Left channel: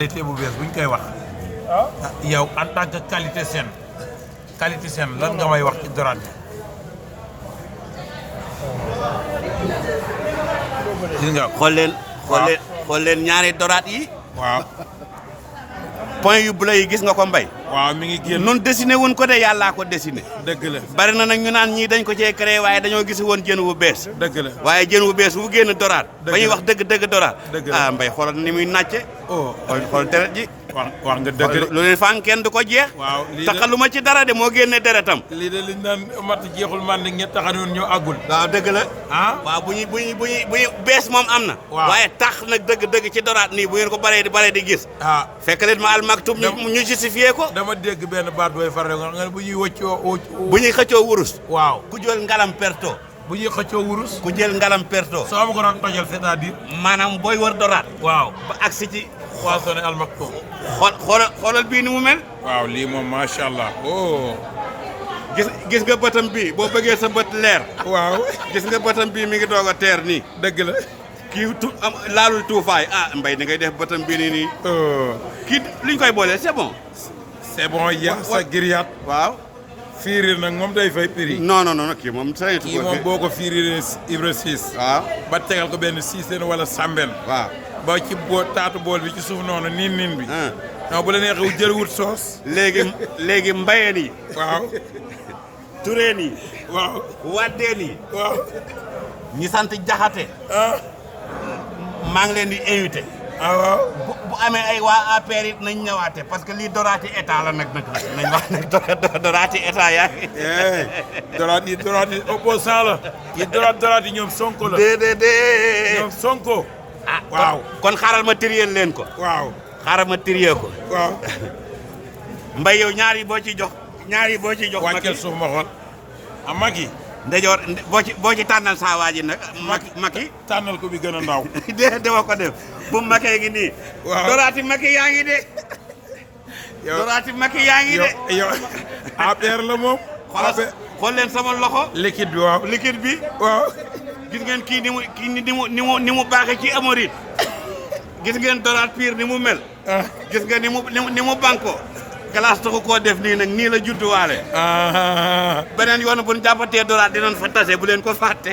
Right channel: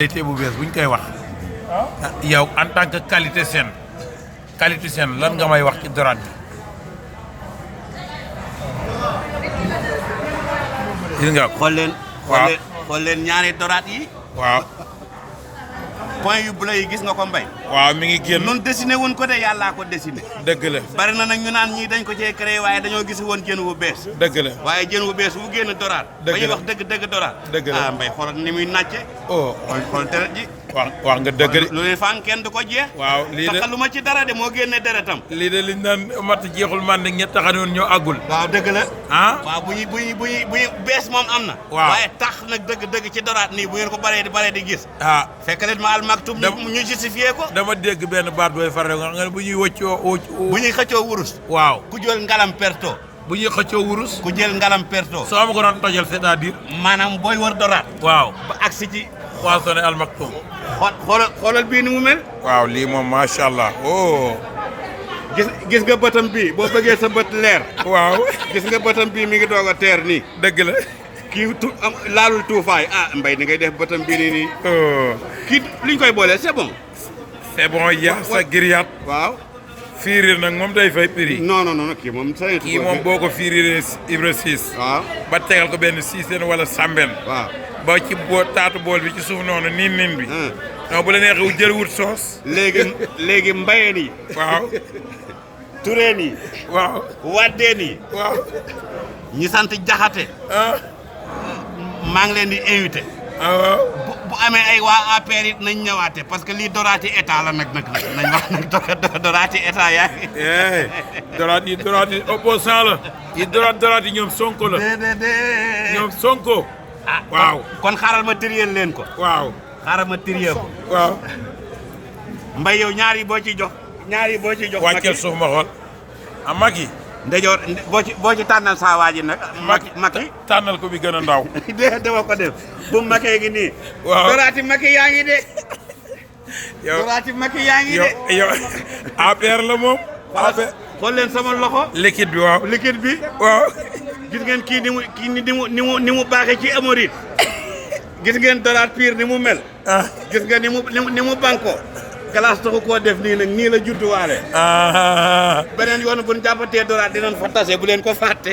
qualité bu bees buñ koy wax yow en tant que qualité saine lan nga may wax ci dorade bi gis nga xool leen ñaari dorade yi waaw point yu bleu yi gis nga ko mbay waaw mi ngi génn nun dessiné wuñ ko de yàllaa ko dessiné dëgg la bari na nag ñu naan ñii dañ ko cee créé waaye dañoo gis woon jën wu bees dëgg la waaye jën wu bees wu génn dorade ba ñuy wax dëgg dorade dëgg la ah mbay xoolal ni muy nàcce oh xool deret ji wax nga dëgg de lu leen faan kenn du ko jeex waaw lii de taxaluma ci dara de moo génne deretam lii de liñ naan mat jeexul man di ñett taxanoon ñoo àggul waaw dëgg la ah waaw bu ñu bees moom am na waaw waaye tax nag dëgg ci dorade nii bu ngeen ko baree di gis ah fekk leen ma al Maktoum ñu justifié ko dama dégg benn baat booy faral nga xam ne bu ñuy bu ñuy xëccoo wurus waaw ku jël ngalam perto bu ñuy xëccoo wurus ku jël ngalam perto soo ma ko doon tojal c'est-à-dire maanaam booy wër dorade waaw ba agsi ci Poissonnerie al Maktoum xoolal bii ni mu mel waaw lii moom macha allah oh gis nga bëtam bii boo bëggee sa bët leer waaw gis nga bëtam bii mi ngi doog a teer nii dëgg la kii laalul tuufaay mbay ni ngay def bëtam bii nii kii liñ koy booleel c'est bon c'est bon yaa sa grillade waaw firir nag moom day fay prix non kii moom kii moom boo ko firiree Ibra 6 waaw ba tegal ko benn siiseen wala sàmben waaw ba ci taatu bool bi ci suuf noonu niin bi non bu la neexee jël wut soos léegi mbayeen yi waaw tureen yi waaw waddeen yi waaw ñi sant jaxate maa ngi leen di invité waaw bu amee ay waa APR it nañ ñëwaate parce que lii doraati état la nag nañ wax nag doraati état yaa ngi doraat yi opposant la yi doraat yi ñoom Sonko la ñoom Sonko waaw kon xaaral ma tiriyeel leen ko waaw xaaral ma tiriyee ko waaw mbay yow ñaari boo ci jox wàcceel suuf ma xool a Macky ndejoor boo ci tànnal saa waa ji nag Macky tànnal ko bi gën a ndaw dama ko def bu Macky ngi nii waaw doraati Macky yaa ngi de doraati Macky yaa ngi de yow APR la moom xool leen sama loxo liquide bi waaw liquide bi waaw gis ngeen kii ni mu baaxee ci amorit gis ngeen doraat pire ni mu mel gis nga ni mu banko glace taxu koo def nii nag nii la judduwaale beneen yoon bu ñu jàppatee doraat dinañ fa tase bu leen ko fàtte